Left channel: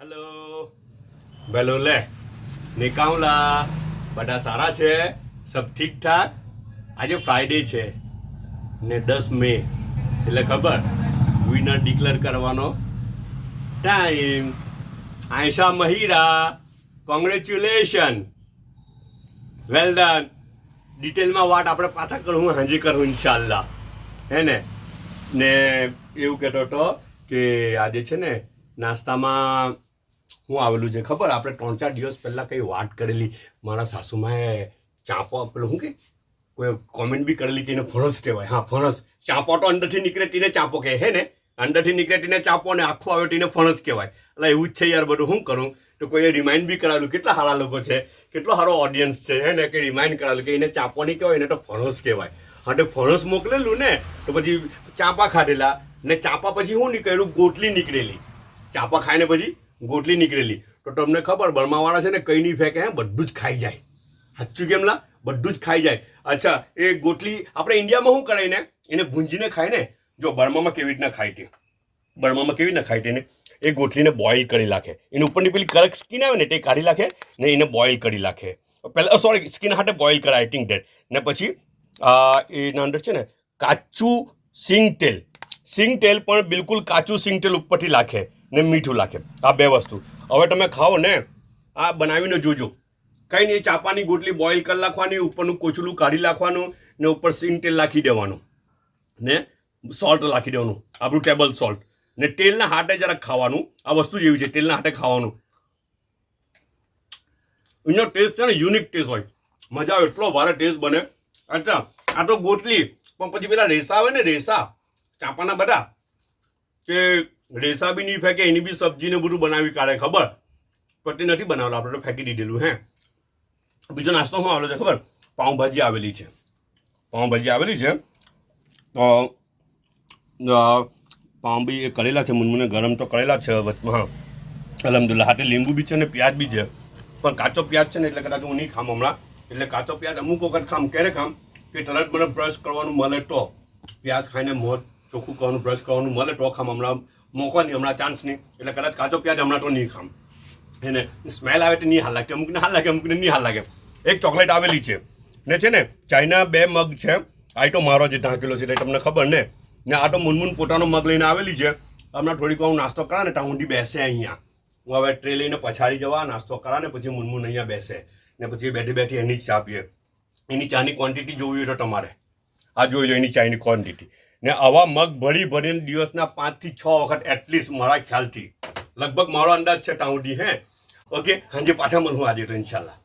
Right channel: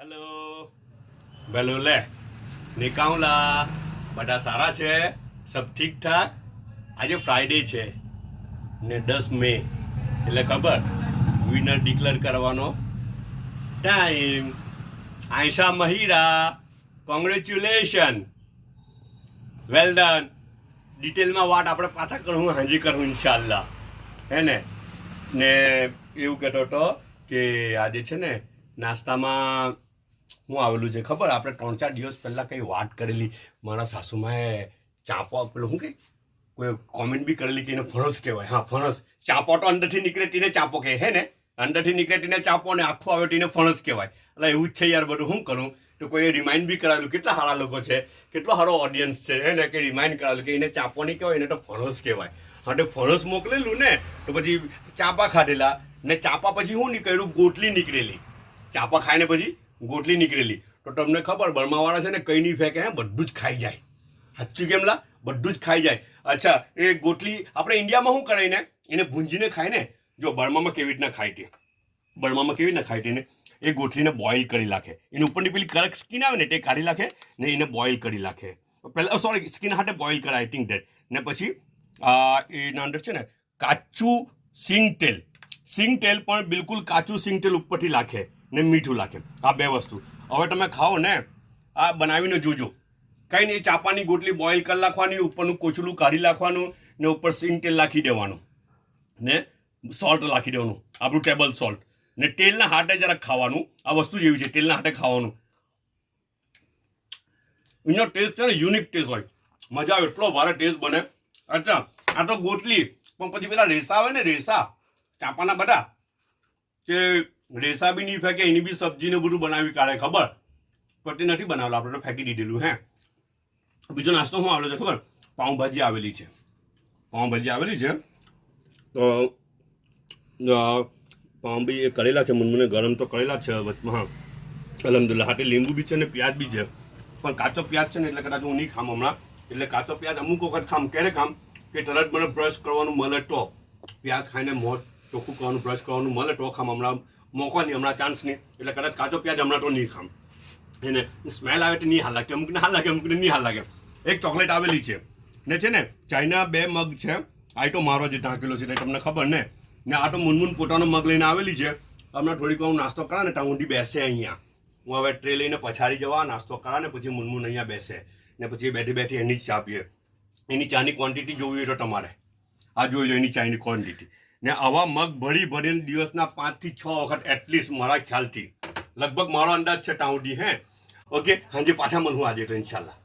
Hello बेलो ले निकाउला बड़ा सारा छे सब ठीक ठाक। आज फ्राइडे छे ने 10 મે એટલે ખબર વિનર ડિક્લેર કરવાનો time. Ayesha Mahira congratulation well done. ડિટેલમાં વાત આપણે પાછા કરું હાજી કરું ઇન્શાલ્લાહ હે ને એવું કહેતો હતો કે આજે છે ને નાસ્તામાં હું આવેલું છે ખબર આપણે 3-4 દિવસ પહેલા કઈ વાત કરેલી મારા સાસુમાએ ચાંપો પેલું શું કે કોઈ કોમેન્ટ બી કરેલી કે એને ફણસ કહેવાય। હા ફણસ ચાંપો તો અંદરથી નીકળે તેને ચાંપો કહે હે ને અંદરથી નીકળે તેને ચાંપો ને આખું આવે તેને ફણસ કહેવાય। એટલે એવું જ છે યાર બધું શું કરું તો કોઈએ રિમાઇન્ડ બી કરાવેલું। કેટલા સારા લોકો છે કેટલો સારો ઓડિયન્સ છે હે ને કે રિમાઇન્ડ કરાવેલું કે એને ચાંપો નહીં કહેવાય એને તો ફણસ કહેવાય। હા તો ફણસ મોકલેલું ને તો પછી ચાંપા ખાધેલા ને ચાંપા પછી શું નીકળેલું ગોટલી નીકળેલી। ચાંપા ખાઈને પછી ગોટલી નીકળેલી તો તમને ખબર બર્માવાળા છે ને કઈ નહીં ફેંકે હે બધું જ ખાઈ જાય। સાચું કેમલા બધું જ ખાઈ જાય। અચ્છા એ ગોટલી આપણે ઇન્ડિયામાં શું કરે ને એને ભૂંજીને ખાય ને જો બર્મામાં કેવી રીતના ખાય તે બર્મામાં કેવી રીતના ખાય તેને એ ગોટલીને બોઇલ કરી નાખે એની ઉપરની પેલી કરક સ્કીન આવે ને તે કાઢી નાખે ને એને બોઇલ કરી નાખે પહેલાં સોરી સ્કીન હાથે બોઇલ કરાય આઈ થિંક ડેટ ને પછી એના અંદર છે ને કાચું સિંગ તેલ પણ બિલકુલ કાચું સિંગ તેલ ઉપરથી નાખે ને મીઠું નાખે આ બે વસ્તુ। હવે તમે ખાઓ ને આ બનાવીને જોજો કંઈ નહીં ચાપાની ગોટલી બોઇલ કરી નાખવાની ઉપરનું કોચલું કાઢી નાખવાનું ને ઉપર સિંગ તેલ નાખી દેવાનું ને સોલ્ટ નાખી દેવાનું આપણું ટેબલ સોલ્ટ ને તેલના હાથે જરાક ખાવાનું। આ વસ્તુ જેવી છે તેલના હાથે ખાવાનું એનો ટેસ્ટ છે ને યુનિક ટેસ્ટ હોય મજા આવે એટલો ભારે ટેસ્ટ બને। અચ્છા આ તો ગોટલી પણ પછી પેલા રેસા આવે ને રેસા ચાપાના બધા કે રેસા બી નહીં ફેંકે એની બી સબ્જીને બધું બનાવી કાઢે ખબર પણ તે નથી બનાવેલું આપણે તો ફેંકી દીધેલું હે। બીજો નાસ્તો શું આવેલો છે ખબર પાઉંભાજી આવેલી છે તો પાઉં બી એ કરેલા છે મુનમુને ગરમ તો કરેલા છે વચમાં હા અલહમદુલિલ્લાહ હાથે લીંબુ બી છે ને પ્યાજ બી છે પણ કાચો પ્યાજ છે ને એટલે કદાચ હું નહીં ખામ હમણાં એટલે કાચો પ્યાજ અમુક વખત ખામ ક્યારે ખામ કે તરત મને બ્રશ કરવાનું મળે તો પ્યાજ ખાઈને મોં ચોખ્ખું કરવાનું બ્રશ કરવાનું મળે તો ખામ હમણાં મોકો નહીં હમણાં ચાન્સ નહીં એટલે કદાચ કાચો પ્યાજ હમણાં તો નહીં ખામ એને સ્મેલ આવે તો નહીં હાલ લાગે અમુકને હાલ લાગે અમુકને નહીં હાલ લાગે। એક ચોકલેટ આવેલી છે ને છે ને ચાઇના 2 મગ છે આ તો મારો જે ઢાંકેલો છે તમને ખબર ને આ તો મુનમુન પોતાનો મગ લઈને આવેલી છે હમણાં થોડીક હું નાસ્તો કરા ને ત્યાં ઊંડી બેસે અહીંયા હું હવે ટ્રે લઈને પછાડી જવા નાસ્તો કરા ને પછી મુનમુન અહીંયા બેસે ને પછી બેઠી એની જ ચા પીએ। એની ચાની ક્વોન્ટિટી જોવી હોય તો તમારે આ જોઈ લો એની ચાની ક્વોન્ટિટી ને આવા મગ ભરીને દિવસના 5 થી 6 વખત એટલીસ્ટ મારા ખ્યાલથી લગભગ મારો અંદાજ છે ટાઉડી હે। ઓકે હાજે પાછા મળું આજે તો ઇન્શાલ્લાહ।